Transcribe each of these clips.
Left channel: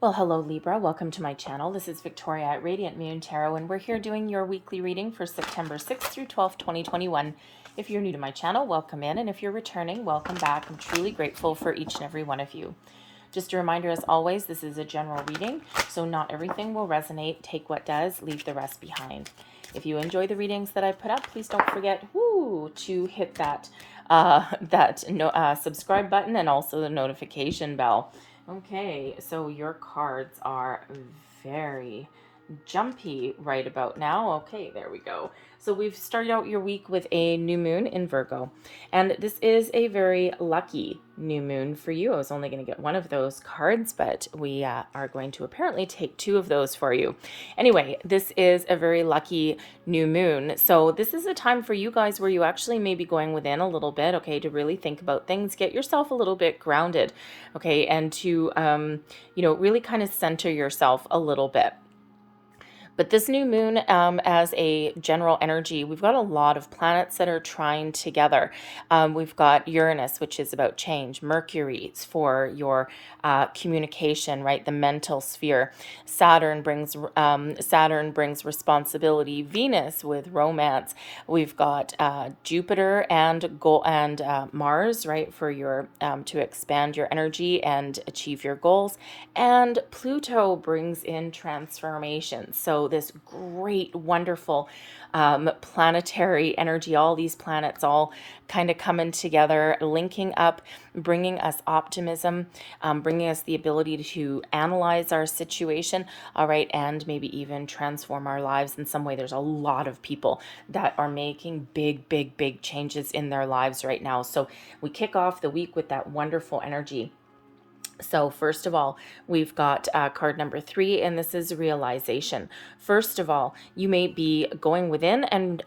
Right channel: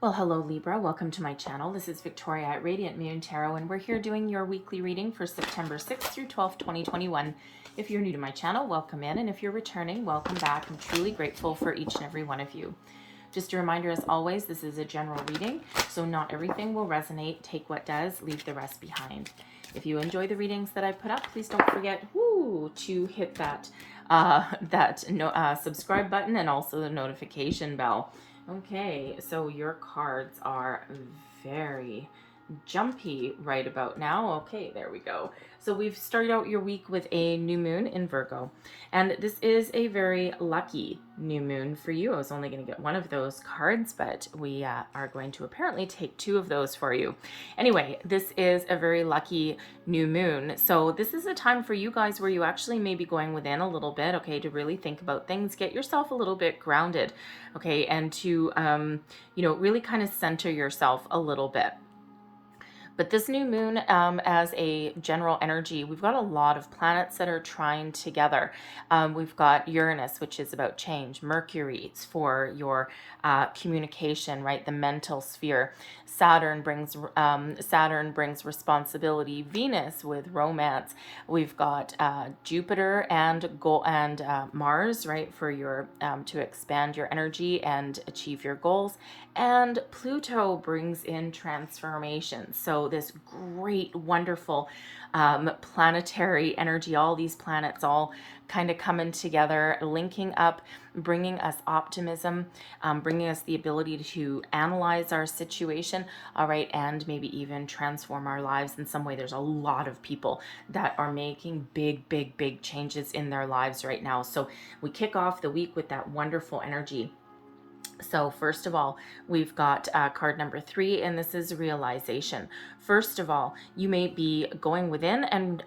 Well, hello Libra, welcome to my channel. This is Victoria at Radiant Moon Tarot, and we're here doing your weekly reading for September 6th through 12th, 2021. If you're new to my channel, welcome in, and if you're returning, welcome back. I'm truly grateful for each and every one of you. Just a reminder, as always, this is a general reading, so not everything will resonate. Take what does, leave the rest behind. If you enjoy the readings that I put up, please don't forget to hit that subscribe button and also the notification bell. Okay, so your cards are very jumpy right about now. Okay, there we go. So we've started out your week with a new moon in Virgo, and this is a very lucky new moon for you. I was only going to get one of those cards, but we are going to apparently take two of those for you. Anyway, this is a very lucky new moon. So this is a time for you guys where you actually may be going within a little bit, okay, to really think about things, get yourself a little bit grounded, okay, and to, really kind of center yourself a little bit. But this new moon, as a general energy, we've got a lot of planets that are trine together. We've got Uranus, which is about change. Mercury for your communication, right? The mental sphere. Saturn brings responsibility. Venus with romance. We've got Jupiter and Mars, right, for your to expand your energy and achieve your goals. And Pluto brings in transformation. So this great, wonderful planetary energy, all these planets all kind of coming together, linking up, bringing us optimism, bringing us the ability to analyze our situation, all right, and maybe even transform our lives in some way. There's a lot of people that are making big changes in their lives right now. So we kick off the week with that wonderful energy. So first of all, we've got card number 3, and this is realization. First of all, you may be going within and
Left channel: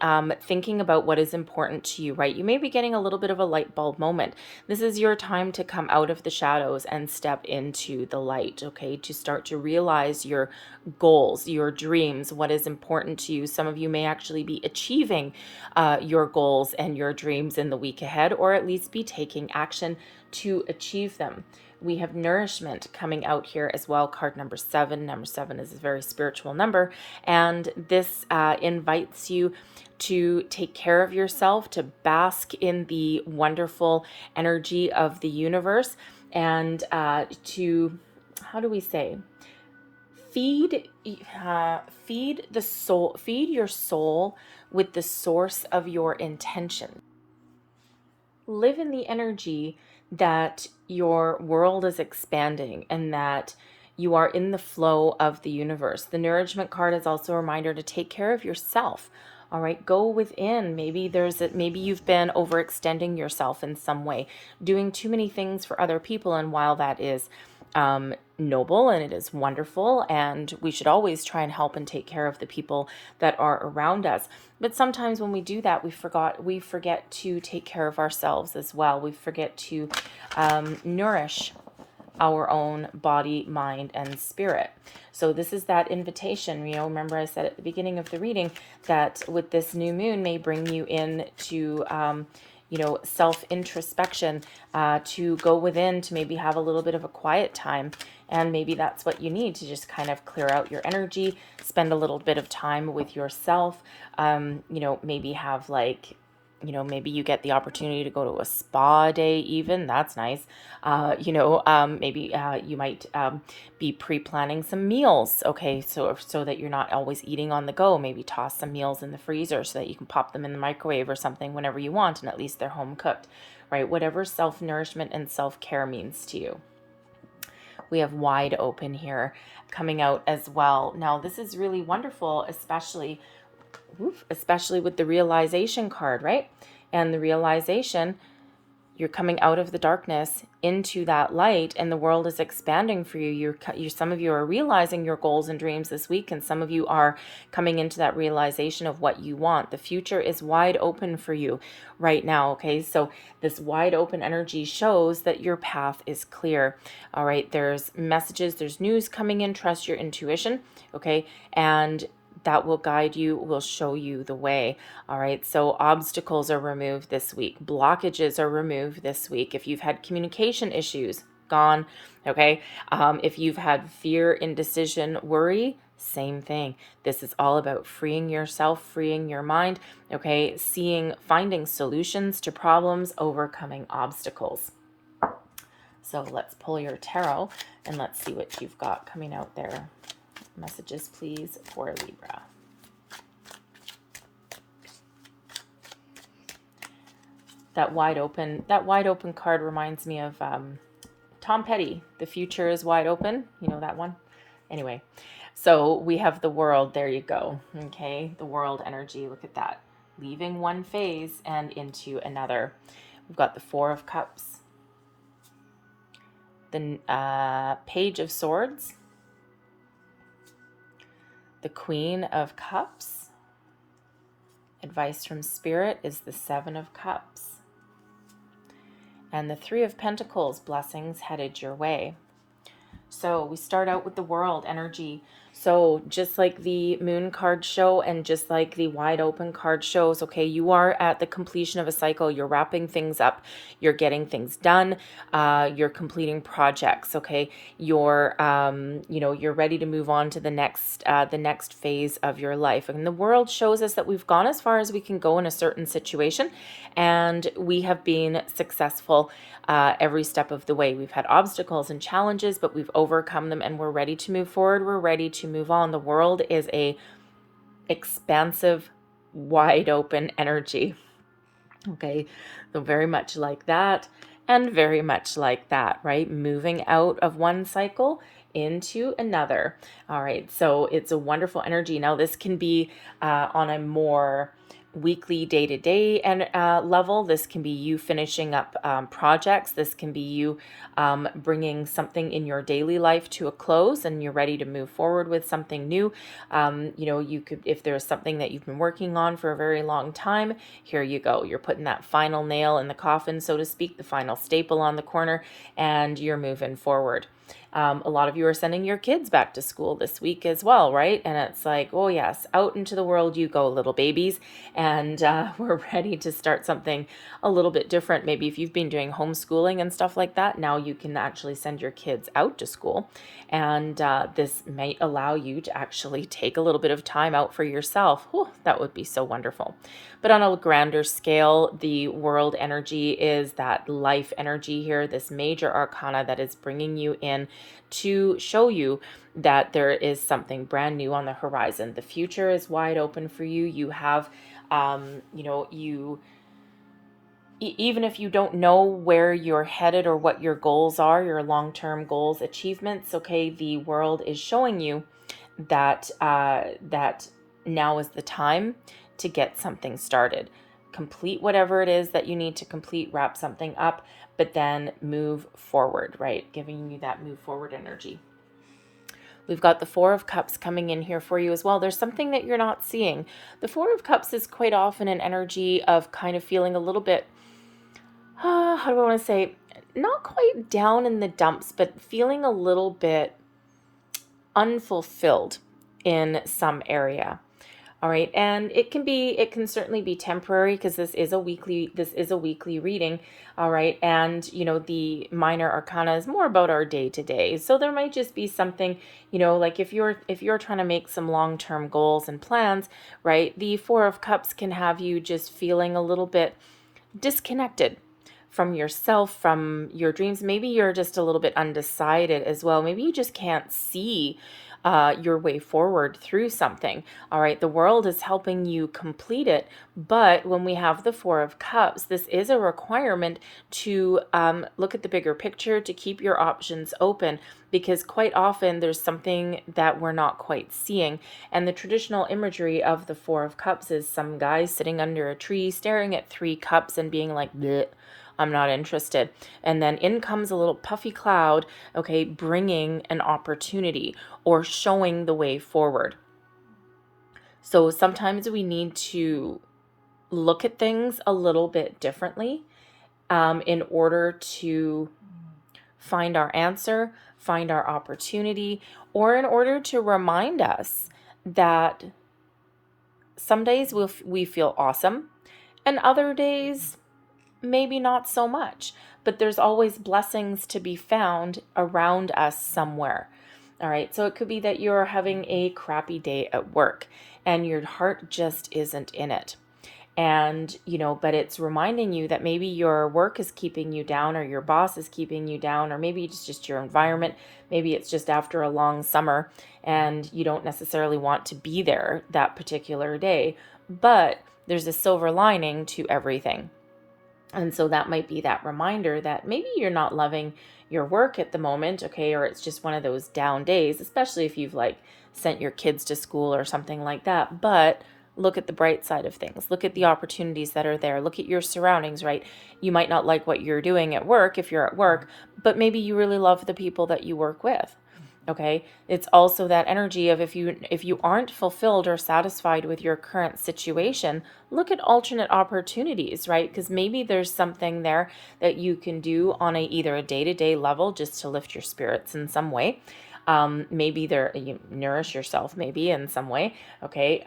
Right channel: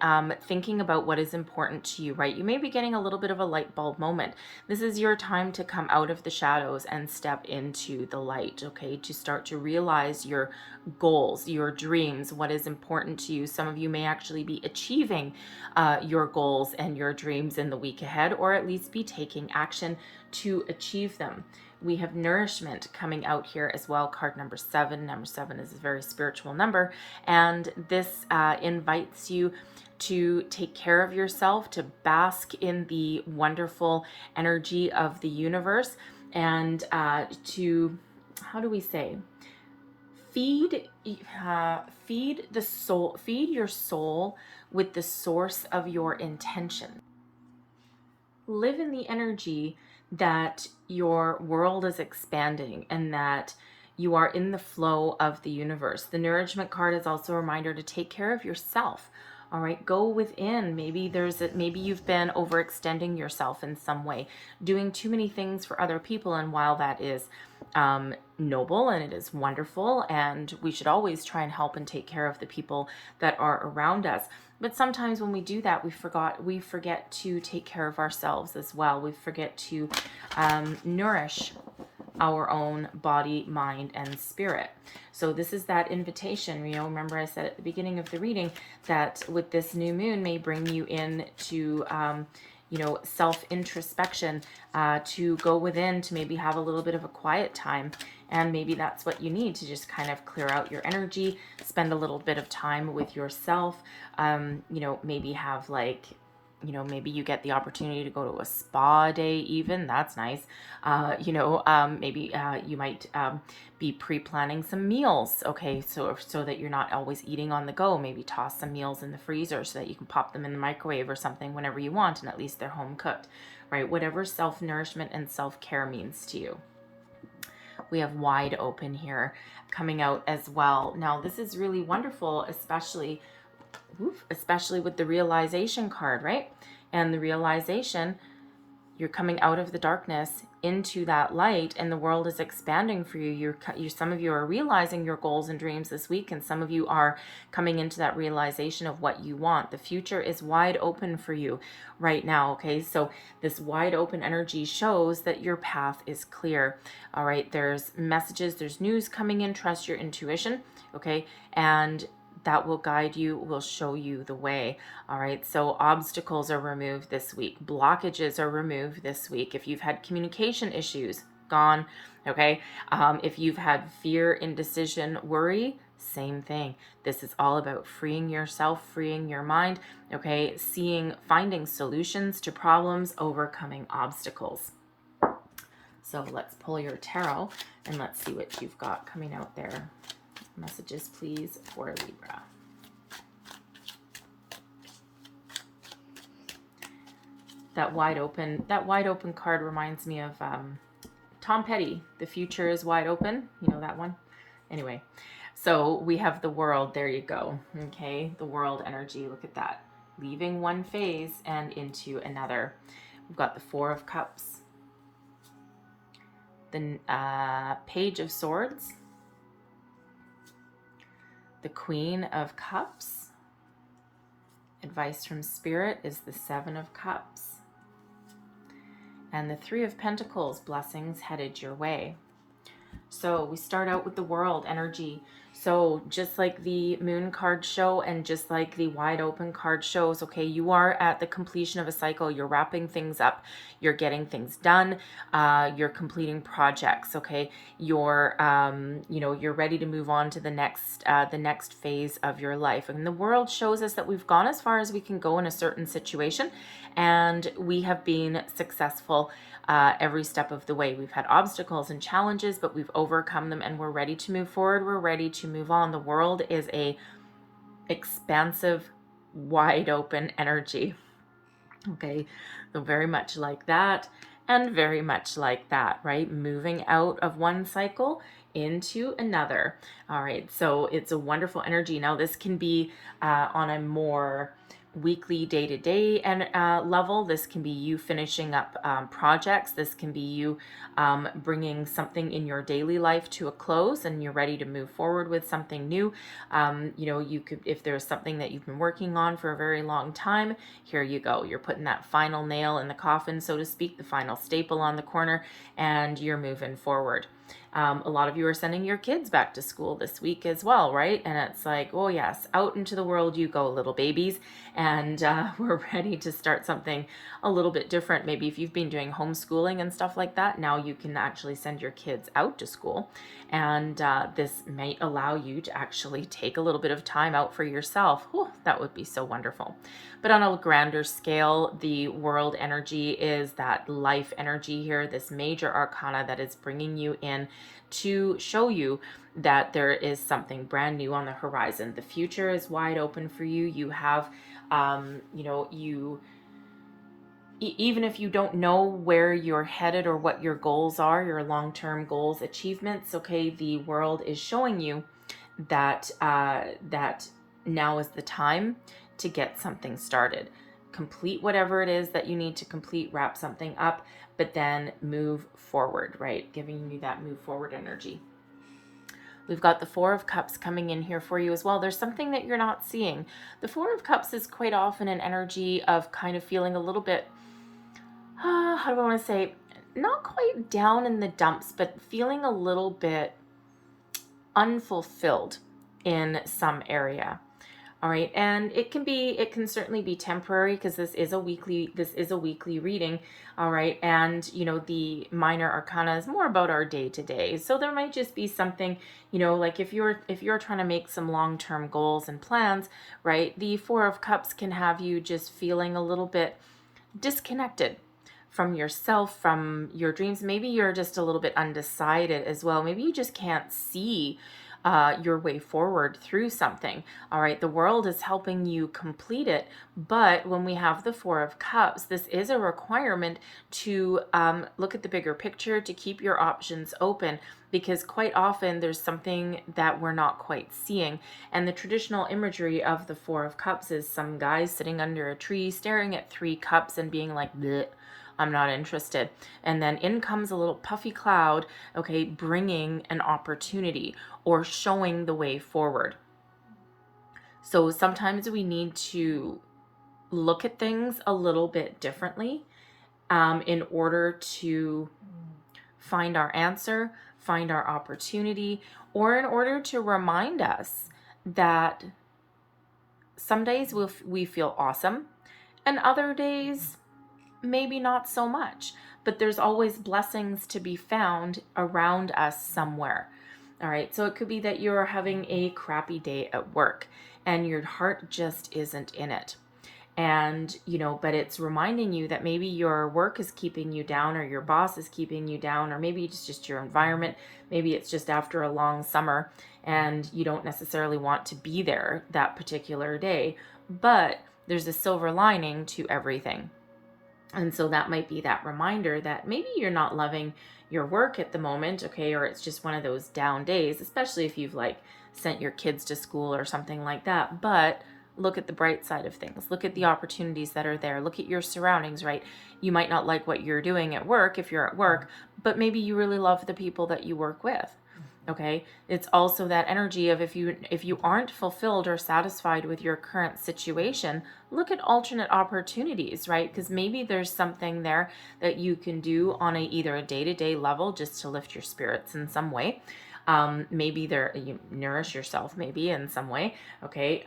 thinking about what is important to you, right? You may be getting a little bit of a light bulb moment. This is your time to come out of the shadows and step into the light, okay? To start to realize your goals, your dreams, what is important to you. Some of you may actually be achieving your goals and your dreams in the week ahead, or at least be taking action to achieve them. We have nourishment coming out here as well, card number 7. Number 7 is a very spiritual number, and this invites you to take care of yourself, to bask in the wonderful energy of the universe, and to, how do we say, feed the soul, feed your soul with the source of your intention. Live in the energy that your world is expanding and that you are in the flow of the universe. The nourishment card is also a reminder to take care of yourself. All right, go within. Maybe you've been overextending yourself in some way, doing too many things for other people. And while that is noble and it is wonderful, and we should always try and help and take care of the people that are around us, but sometimes when we do that, we forget to take care of ourselves as well. We forget to nourish our own body, mind, and spirit. So this is that invitation. Remember I said at the beginning of the reading that with this new moon may bring you in to self-introspection, to go within, to maybe have a little bit of a quiet time. And maybe that's what you need to just kind of clear out your energy, spend a little bit of time with yourself. Maybe have maybe you get the opportunity to go to a spa day even. That's nice. Maybe you might be pre-planning some meals, okay, so that you're not always eating on the go. Maybe toss some meals in the freezer so that you can pop them in the microwave or something whenever you want, and at least they're home cooked, right? Whatever self-nourishment and self-care means to you. We have wide open here coming out as well. Now this is really wonderful, especially with the realization card, right? And the realization, you're coming out of the darkness into that light, and the world is expanding for you. Some of you are realizing your goals and dreams this week, and some of you are coming into that realization of what you want. The future is wide open for you right now, okay? So this wide open energy shows that your path is clear, all right? There's messages, there's news coming in. Trust your intuition, okay? And that will guide you, will show you the way. All right, so obstacles are removed this week. Blockages are removed this week. If you've had communication issues, gone. Okay. If you've had fear, indecision, worry, same thing. This is all about freeing yourself, freeing your mind. Okay. Finding solutions to problems, overcoming obstacles. So let's pull your tarot and let's see what you've got coming out there. Messages, please, for Libra. That wide open card reminds me of Tom Petty. The future is wide open. You know that one? Anyway, so we have the world. There you go. Okay, the world energy. Look at that. Leaving one phase and into another. We've got the Four of Cups, the Page of Swords, the Queen of Cups. Advice from Spirit is the Seven of Cups. And the Three of Pentacles, blessings headed your way. So we start out with the world energy. So just like the moon card show and just like the wide open card shows, okay, you are at the completion of a cycle. You're wrapping things up. You're getting things done. You're completing projects. Okay, you're you're ready to move on to the next phase of your life. And the world shows us that we've gone as far as we can go in a certain situation, and we have been successful every step of the way. We've had obstacles and challenges, but we've overcome them, and we're ready to move forward. We're ready to move on. The world is a expansive, wide open energy. Okay, so very much like that and very much like that, right? Moving out of one cycle into another. All right, so it's a wonderful energy. Now this can be on a more weekly, day-to-day and level. This can be you finishing up projects. This can be you bringing something in your daily life to a close and you're ready to move forward with something new. You could, if there's something that you've been working on for a very long time, here you go. You're putting that final nail in the coffin, so to speak, the final staple on the corner, and you're moving forward. A lot of you are sending your kids back to school this week as well, right? And it's like, oh yes, out into the world you go, little babies. And we're ready to start something a little bit different. Maybe if you've been doing homeschooling and stuff like that, now you can actually send your kids out to school. And this may allow you to actually take a little bit of time out for yourself. Whew, that would be so wonderful. But on a grander scale, the world energy is that life energy here, this major arcana that is bringing you in to show you that there is something brand new on the horizon. The future is wide open for you. You have, even if you don't know where you're headed or what your goals are, your long-term goals, achievements, okay, the world is showing you that that now is the time to get something started. Complete whatever it is that you need to complete, wrap something up, but then move forward, right? Giving you that move forward energy. We've got the Four of Cups coming in here for you as well. There's something that you're not seeing. The Four of Cups is quite often an energy of kind of feeling a little bit, how do I want to say, not quite down in the dumps, but feeling a little bit unfulfilled in some area. All right, and it can certainly be temporary because this is a weekly reading. All right, and the minor arcana is more about our day to day. So there might just be something, like if you're trying to make some long-term goals and plans, right? The Four of Cups can have you just feeling a little bit disconnected from yourself, from your dreams. Maybe you're just a little bit undecided as well. Maybe you just can't see your way forward through something. All right, the world is helping you complete it, but when we have the Four of Cups, this is a requirement to look at the bigger picture, to keep your options open, because quite often there's something that we're not quite seeing. And the traditional imagery of the Four of Cups is some guy sitting under a tree staring at three cups and being like, bleh, I'm not interested. And then in comes a little puffy cloud, okay, bringing an opportunity or showing the way forward. So sometimes we need to look at things a little bit differently in order to find our answer, find our opportunity, or in order to remind us that some days we feel awesome and other days maybe not so much. but there's always blessings to be found around us somewhere. All right, so it could be that you're having a crappy day at work and your heart just isn't in it. And, but it's reminding you that maybe your work is keeping you down, or your boss is keeping you down, or maybe it's just your environment. Maybe it's just after a long summer and you don't necessarily want to be there that particular day. But there's a silver lining to everything. And so that might be that reminder that maybe you're not loving your work at the moment, okay, or it's just one of those down days, especially if you've like sent your kids to school or something like that. But look at the bright side of things. Look at the opportunities that are there. Look at your surroundings, right? You might not like what you're doing at work if you're at work, but maybe you really love the people that you work with. Okay, it's also that energy of if you aren't fulfilled or satisfied with your current situation, look at alternate opportunities, right? Because maybe there's something there that you can do on either a day-to-day level just to lift your spirits in some way. Maybe you nourish yourself maybe in some way. Okay.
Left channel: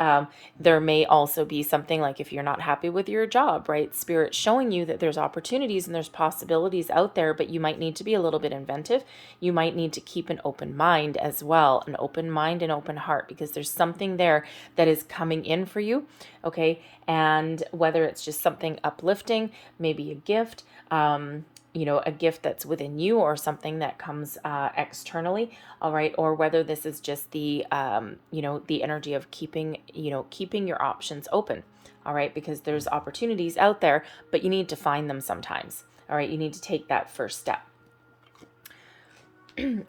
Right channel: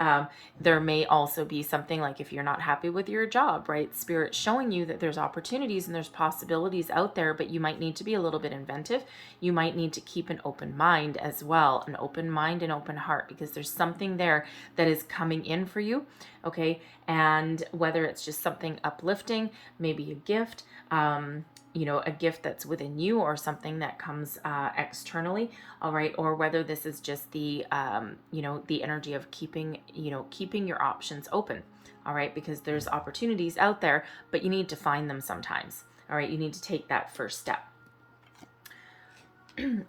There may also be something like if you're not happy with your job, right? Spirit showing you that there's opportunities and there's possibilities out there, but you might need to be a little bit inventive. You might need to keep an open mind as well, an open mind and open heart, because there's something there that is coming in for you. Okay. And whether it's just something uplifting, maybe a gift, a gift that's within you or something that comes externally, all right, or whether this is just the the energy of keeping your options open, all right, because there's opportunities out there, but you need to find them sometimes, all right, you need to take that first step.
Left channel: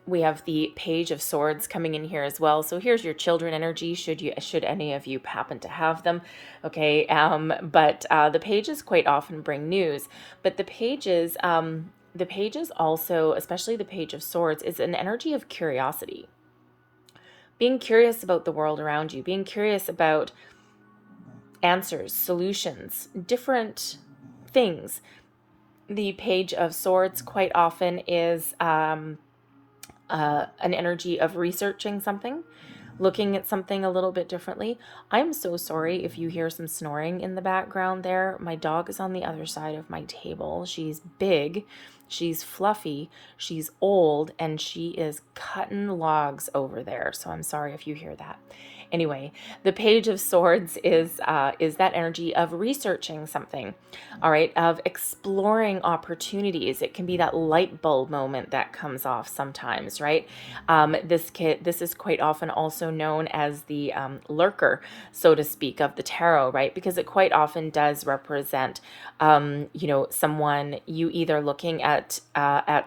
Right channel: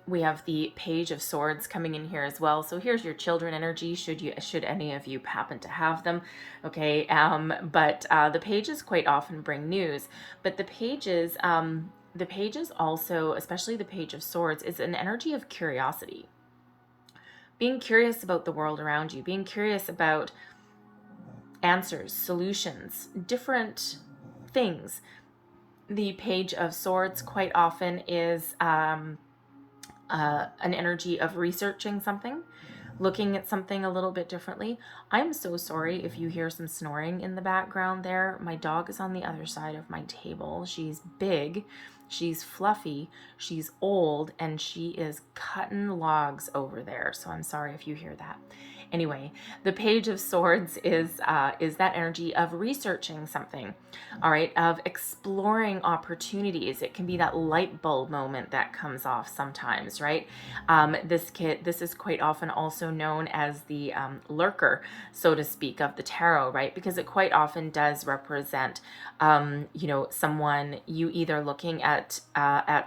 We have the Page of Swords coming in here as well. So here's your children energy, should any of you happen to have them. Okay, but the pages quite often bring news, but the pages also, especially the Page of Swords, is an energy of curiosity. Being curious about the world around you, being curious about answers, solutions, different things. The Page of Swords quite often is an energy of researching something, looking at something a little bit differently. I'm so sorry if you hear some snoring in the background there. My dog is on the other side of my table. She's big, she's fluffy, she's old, and she is cutting logs over there. So I'm sorry if you hear that. Anyway, the Page of Swords is that energy of researching something, all right, of exploring opportunities. It can be that light bulb moment that comes off sometimes, right? This is quite often also known as the lurker, so to speak, of the tarot, right? Because it quite often does represent, someone, you either looking at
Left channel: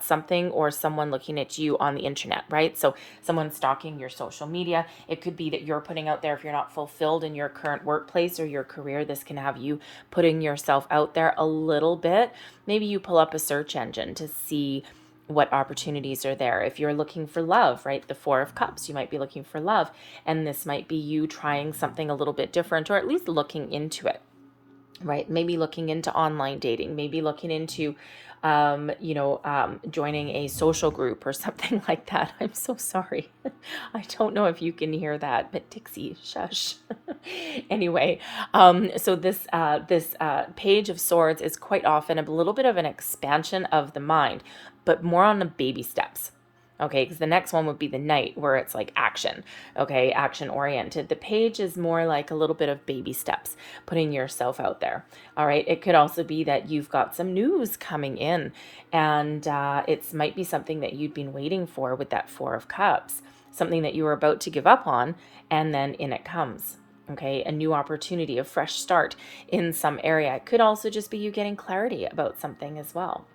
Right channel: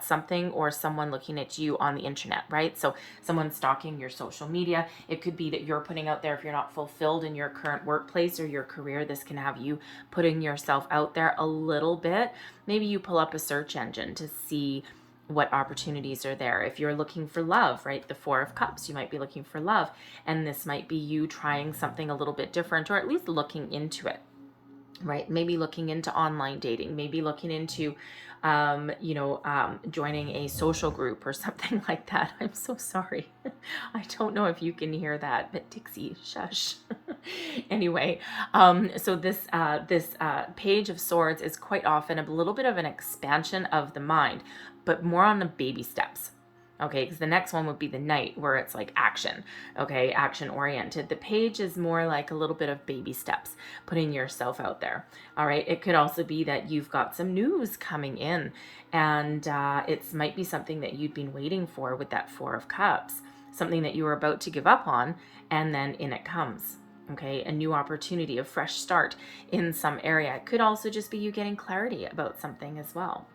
something or someone looking at you on the internet, right? So someone stalking your social media. It could be that you're putting out there, if you're not fulfilled in your current workplace or your career, this can have you putting yourself out there a little bit. Maybe you pull up a search engine to see what opportunities are there. If you're looking for love, right, the Four of Cups, you might be looking for love, and this might be you trying something a little bit different, or at least looking into it, right? Maybe looking into online dating, maybe looking into joining a social group or something like that. I'm so sorry. I don't know if you can hear that, but Dixie, shush. Anyway, so this Page of Swords is quite often a little bit of an expansion of the mind, but more on the baby steps. Okay, because the next one would be the Knight, where it's like action, okay, action oriented. The Page is more like a little bit of baby steps, putting yourself out there. All right, it could also be that you've got some news coming in, and it might be something that you'd been waiting for with that Four of Cups, something that you were about to give up on, and then in it comes. Okay, a new opportunity, a fresh start in some area. It could also just be you getting clarity about something as well.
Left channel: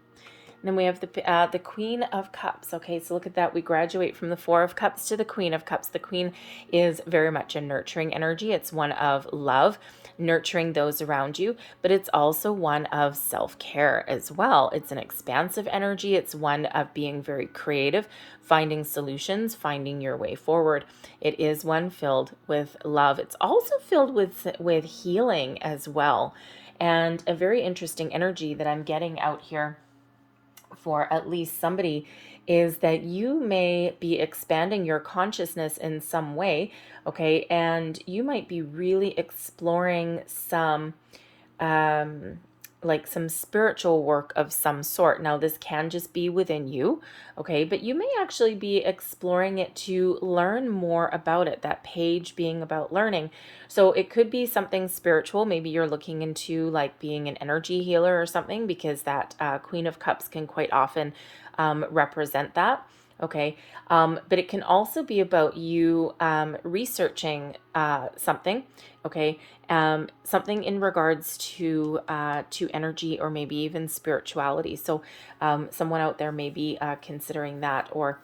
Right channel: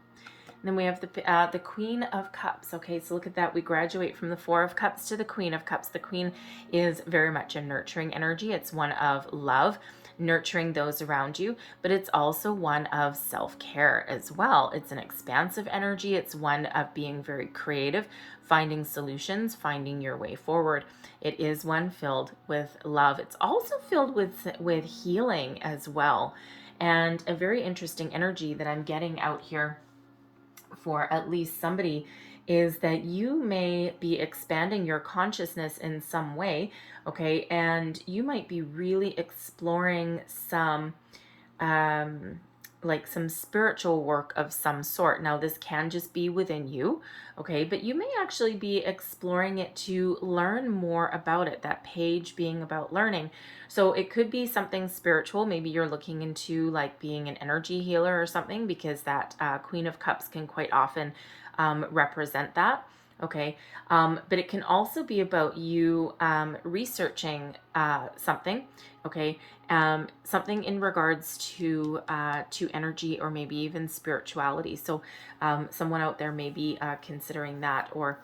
Then we have the Queen of Cups. Okay, so look at that. We graduate from the Four of Cups to the Queen of Cups. The Queen is very much a nurturing energy. It's one of love, nurturing those around you, but it's also one of self-care as well. It's an expansive energy. It's one of being very creative, finding solutions, finding your way forward. It is one filled with love. It's also filled with healing as well. And a very interesting energy that I'm getting out here for at least somebody is that you may be expanding your consciousness in some way, okay, and you might be really exploring some like some spiritual work of some sort. Now, this can just be within you, okay, but you may actually be exploring it to learn more about it, that page being about learning. So it could be something spiritual. Maybe you're looking into like being an energy healer or something, because that Queen of Cups can quite often represent that. Okay. But it can also be about you researching something. Okay. Something in regards to energy, or maybe even spirituality. So someone out there may be considering that, or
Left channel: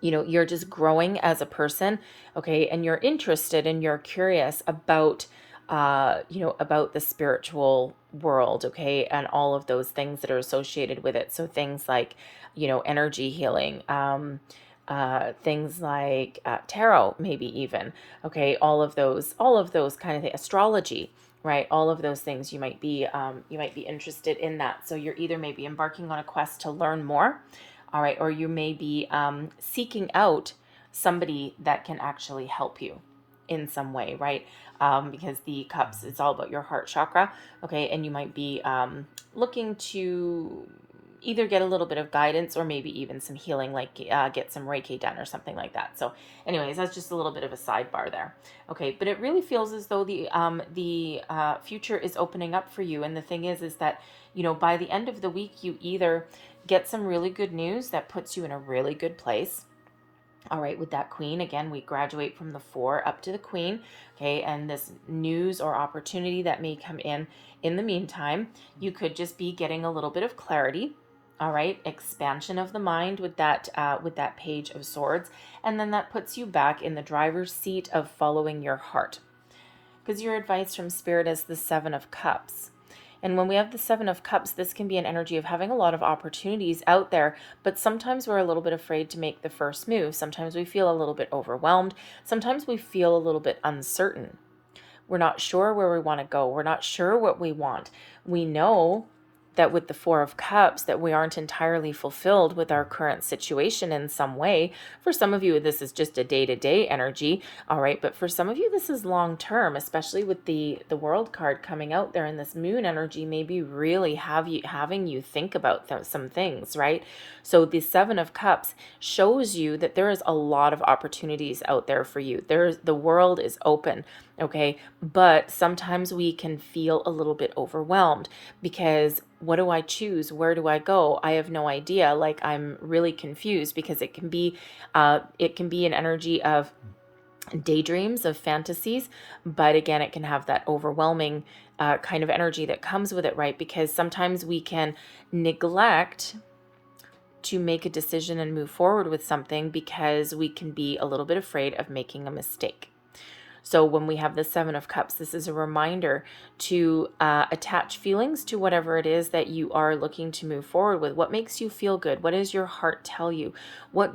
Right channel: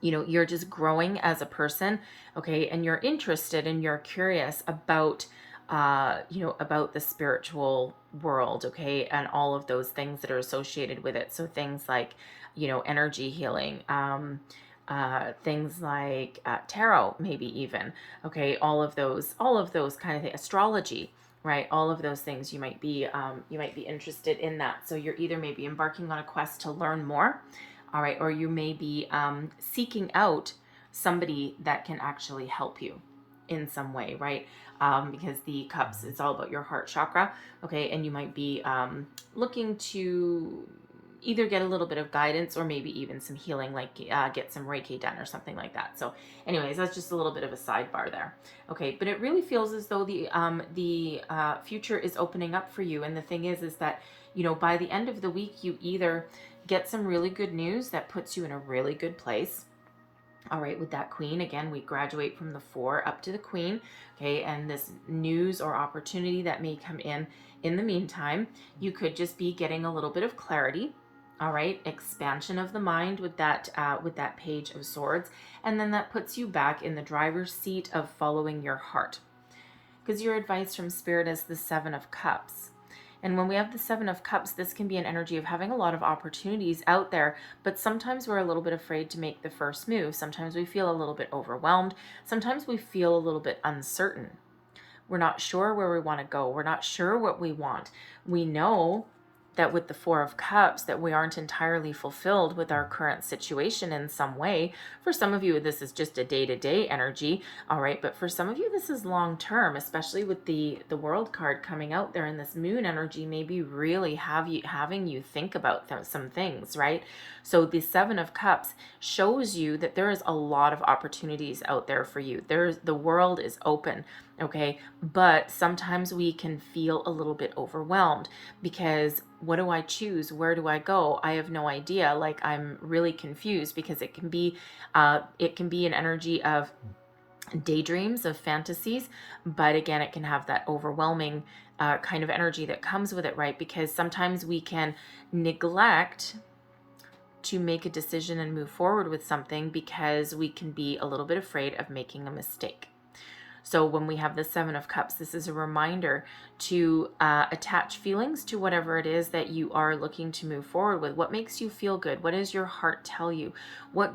you're just growing as a person, okay, and you're interested and you're curious about about the spiritual world, okay, and all of those things that are associated with it. So things like energy healing, things like tarot, maybe even, okay, all of those kind of things, astrology, right? All of those things you might be interested in that. So you're either maybe embarking on a quest to learn more, all right, or you may be seeking out somebody that can actually help you in some way, right? Because the cups, it's all about your heart chakra, okay, and you might be looking to either get a little bit of guidance, or maybe even some healing, like get some Reiki done or something like that. So anyways, that's just a little bit of a sidebar there. Okay, but it really feels as though the future is opening up for you. And the thing is that, by the end of the week, you either get some really good news that puts you in a really good place. All right, with that Queen, again, we graduate from the 4 up to the Queen, okay, and this news or opportunity that may come in the meantime, you could just be getting a little bit of clarity. All right, expansion of the mind with that Page of Swords, and then that puts you back in the driver's seat of following your heart, because your advice from Spirit is the 7 of Cups. And when we have the 7 of Cups, this can be an energy of having a lot of opportunities out there, but sometimes we're a little bit afraid to make the first move. Sometimes we feel a little bit overwhelmed. Sometimes we feel a little bit uncertain. We're not sure where we want to go. We're not sure what we want. We know that with the 4 of Cups, that we aren't entirely fulfilled with our current situation in some way. For some of you, this is just a day-to-day energy, all right? But for some of you, this is long-term, especially with the World card coming out there, and this Moon energy maybe really having you think about some things, right? So the 7 of Cups shows you that there is a lot of opportunities out there for you. The world is open, okay? But sometimes we can feel a little bit overwhelmed, because what do I choose? Where do I go? I have no idea. Like, I'm really confused, because it can be an energy of daydreams, of fantasies, but again, it can have that overwhelming kind of energy that comes with it, right? Because sometimes we can neglect to make a decision and move forward with something because we can be a little bit afraid of making a mistake. So when we have the 7 of Cups, this is a reminder to attach feelings to whatever it is that you are looking to move forward with. What makes you feel good? What does your heart tell you? What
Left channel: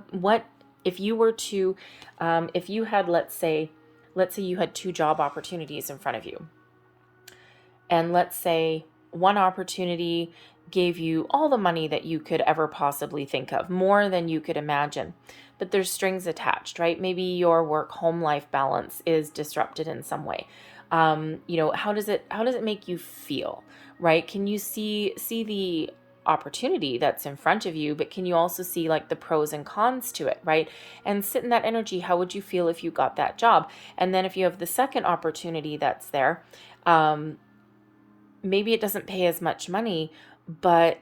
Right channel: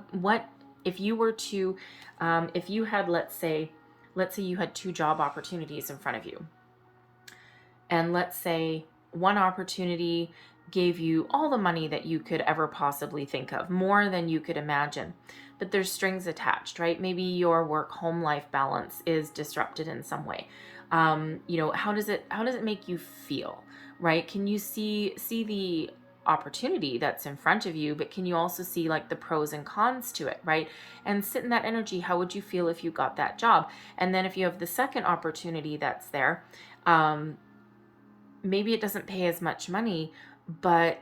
if you were to, if you had, let's say you had 2 job opportunities in front of you, and let's say one opportunity gave you all the money that you could ever possibly think of, more than you could imagine, but there's strings attached, right? Maybe your work-home life balance is disrupted in some way. How does it make you feel, right? Can you see the opportunity that's in front of you, but can you also see like the pros and cons to it, right? And sit in that energy. How would you feel if you got that job? And then if you have the second opportunity that's there, maybe it doesn't pay as much money, but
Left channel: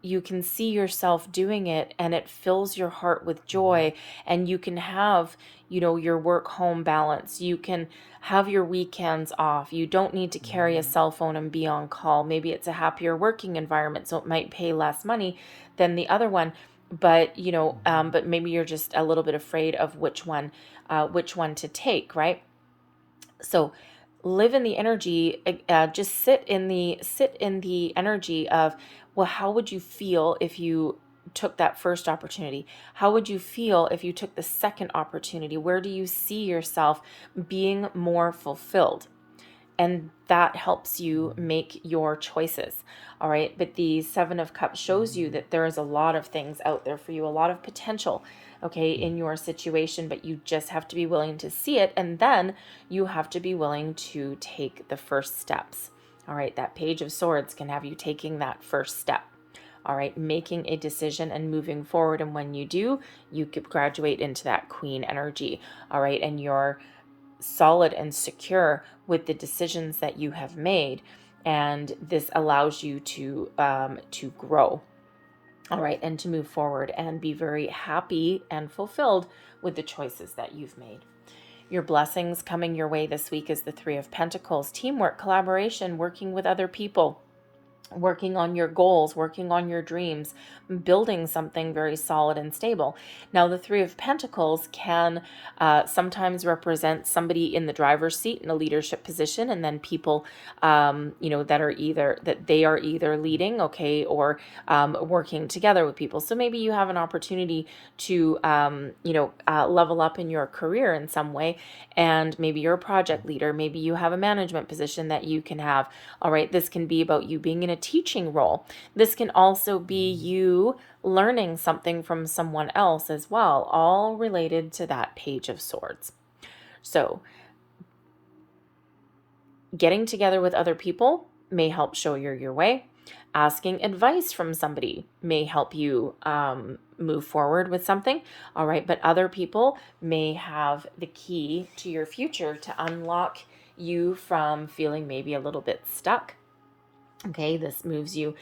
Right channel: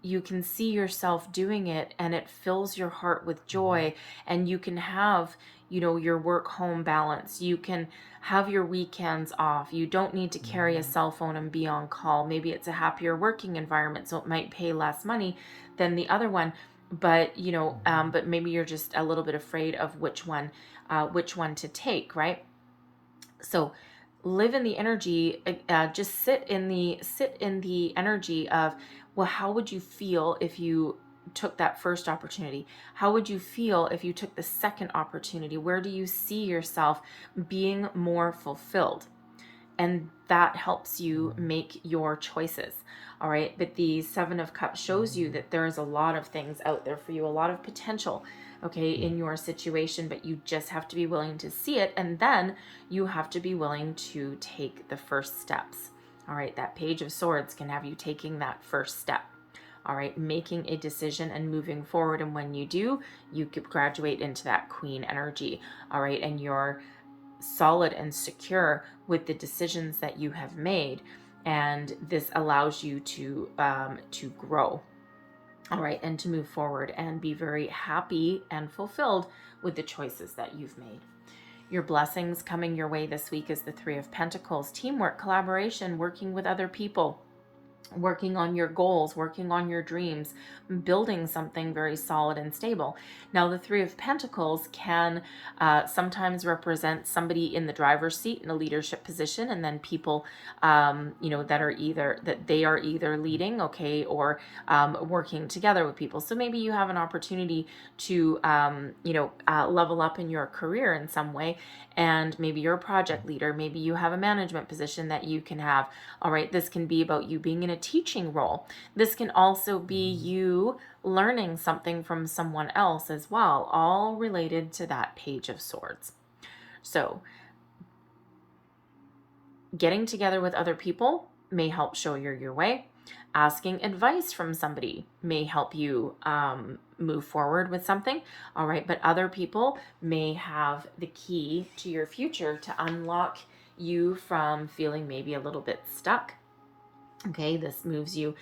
you can see yourself doing it, and it fills your heart with joy, and you can have, your work home balance. You can have your weekends off. You don't need to carry a cell phone and be on call. Maybe it's a happier working environment, so it might pay less money than the other one, but but maybe you're just a little bit afraid of which one to take, right? So live in the energy, just sit in the energy of, well, how would you feel if you took that first opportunity? How would you feel if you took the second opportunity? Where do you see yourself being more fulfilled? And that helps you make your choices. All right. But the 7 of Cups shows you that there is a lot of things out there for you, a lot of potential, okay, in your situation, but you just have to be willing to see it. And then you have to be willing to take the first steps. All right, that Page of Swords can have you taking that first step. All right, making a decision and moving forward. And when you do, you could graduate into that Queen energy. All right, and you're solid and secure with the decisions that you have made. And this allows you to grow. All right, and to move forward and be very happy and fulfilled with the choices that you've made. Your blessings coming your way this week is the Three of Pentacles, teamwork, collaboration, working with other people, working on your goals, working on your dreams, building something very solid and stable. Now, the Three of Pentacles can sometimes represent somebody in the driver's seat in a leadership position, and then people, that they are either leading, okay, or working together with people. So maybe you have an opportunity to, level up in your career in some way, and maybe you're a project leader, maybe you have a management position that you can have. All right, this can be about you being in a teaching role. This can also be you learning something from someone else as well, all related to that Page of Swords. So getting together with other people may help show you your way. Asking advice from somebody may help you move forward with something. All right, but other people may have the key to your future to unlock you from feeling maybe a little bit stuck. Okay, this moves you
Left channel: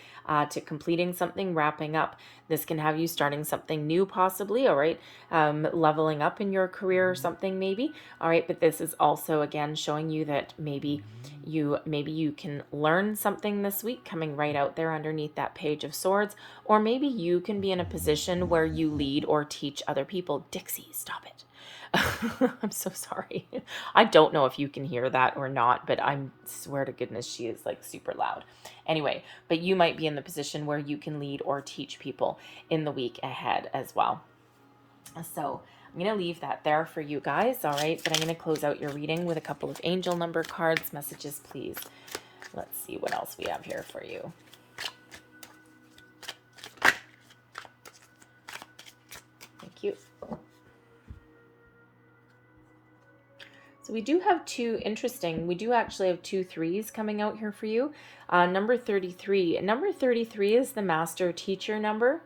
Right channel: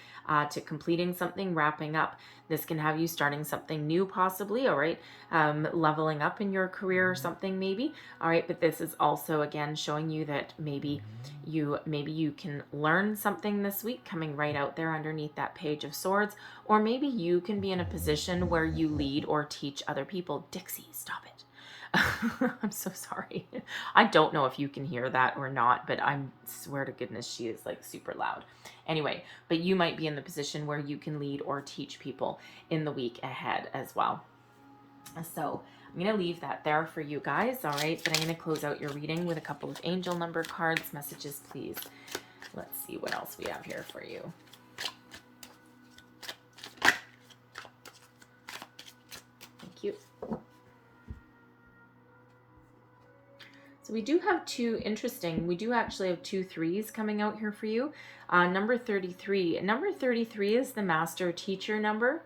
to completing something, wrapping up. This can have you starting something new, possibly. All right, leveling up in your career or something, maybe. All right, but this is also again showing you that maybe you can learn something this week, coming right out there underneath that Page of Swords, or maybe you can be in a position where you lead or teach other people. Dixie, stop it. I'm so sorry. I don't know if you can hear that or not, but I swear to goodness she is like super loud. Anyway, but you might be in the position where you can lead or teach people in the week ahead as well. So I'm going to leave that there for you guys. All right, but I'm going to close out your reading with a couple of angel number cards, messages, please. Let's see what else we have here for you. Thank you. So we do have we do actually have 2 3s coming out here for you. Number 33. Number 33 is the master teacher number.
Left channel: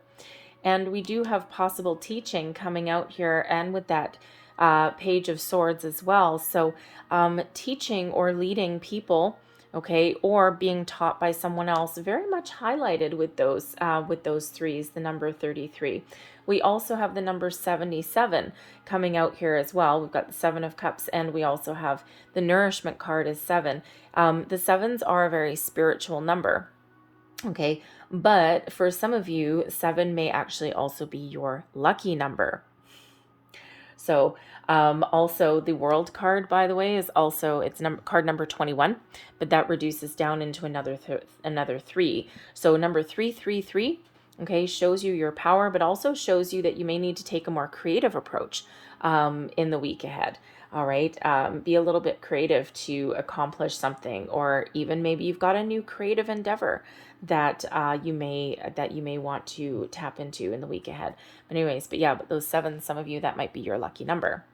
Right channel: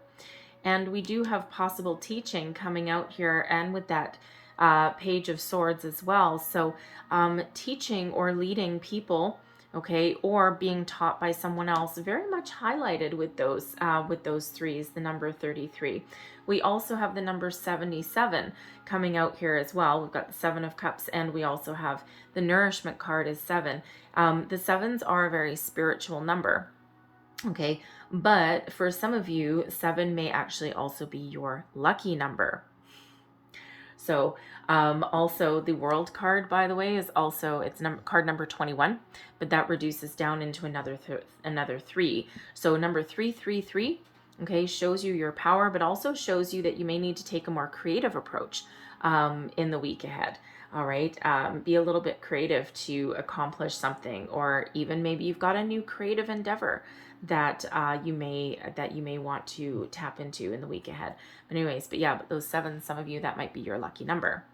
And we do have possible teaching coming out here, and with that Page of Swords as well. So teaching or leading people, okay, or being taught by someone else, very much highlighted with those 3s, the number 33. We also have the number 77 coming out here as well. We've got the 7 of Cups, and we also have the nourishment card is 7. The 7s are a very spiritual number, okay? But for some of you, 7 may actually also be your lucky number. So also the World card, by the way, is also, it's card number 21, but that reduces down into another 3. So number 333, okay, shows you your power, but also shows you that you may need to take a more creative approach in the week ahead. All right, be a little bit creative to accomplish something, or even maybe you've got a new creative endeavor that you may want to tap into in the week ahead. But anyways, but those 7, some of you, that might be your lucky number.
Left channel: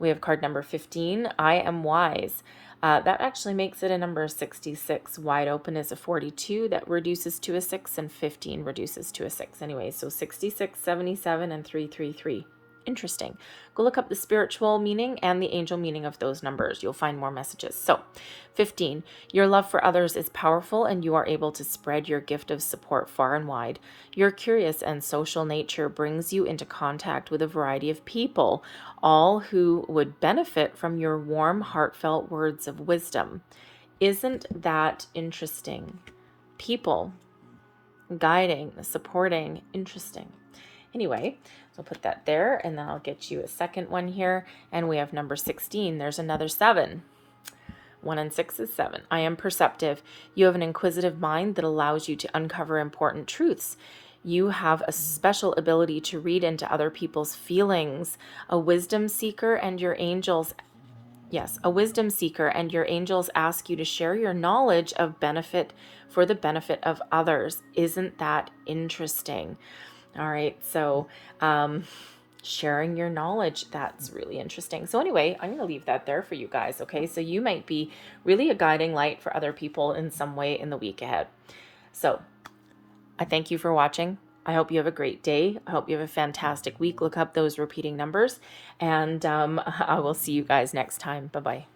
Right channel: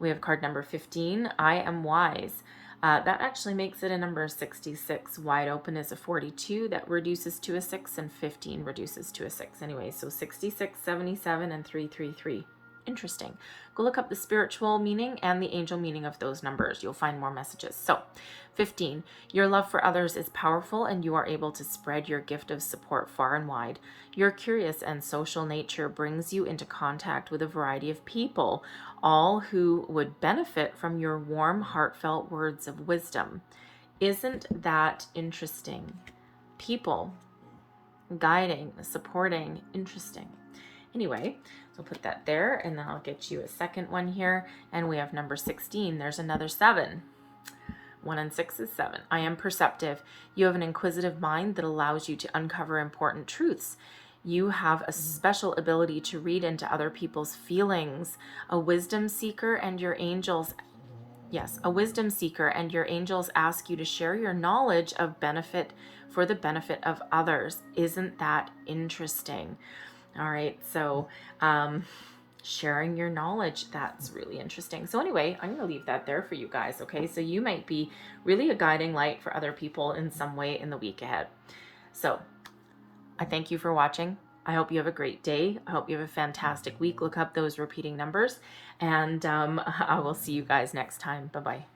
We have card number 15, I am wise. That actually makes it a number 66. Wide open is a 42. That reduces to a 6, and 15 reduces to a 6. Anyway, so 66, 77, and 333. Interesting. Go look up the spiritual meaning and the angel meaning of those numbers. You'll find more messages. So 15, your love for others is powerful, and you are able to spread your gift of support far and wide. Your curious and social nature brings you into contact with a variety of people, all who would benefit from your warm, heartfelt words of wisdom. Isn't that interesting? People guiding, supporting, interesting. Anyway, so I'll put that there, and then I'll get you a second one here. And we have number 16. There's another 7. 1 and 6 is 7. I am perceptive. You have an inquisitive mind that allows you to uncover important truths. You have a special ability to read into other people's feelings. A wisdom seeker, and your angels ask you to share your knowledge of benefit for the benefit of others. Isn't that interesting? All right, so sharing your knowledge. That's really interesting. So anyway, I'm going to leave that there for you guys. Okay. So you might be really a guiding light for other people in some way in the week ahead. So I thank you for watching. I hope you have a great day. I hope you have a fantastic week. Look up those repeating numbers, and I will see you guys next time. Bye-bye.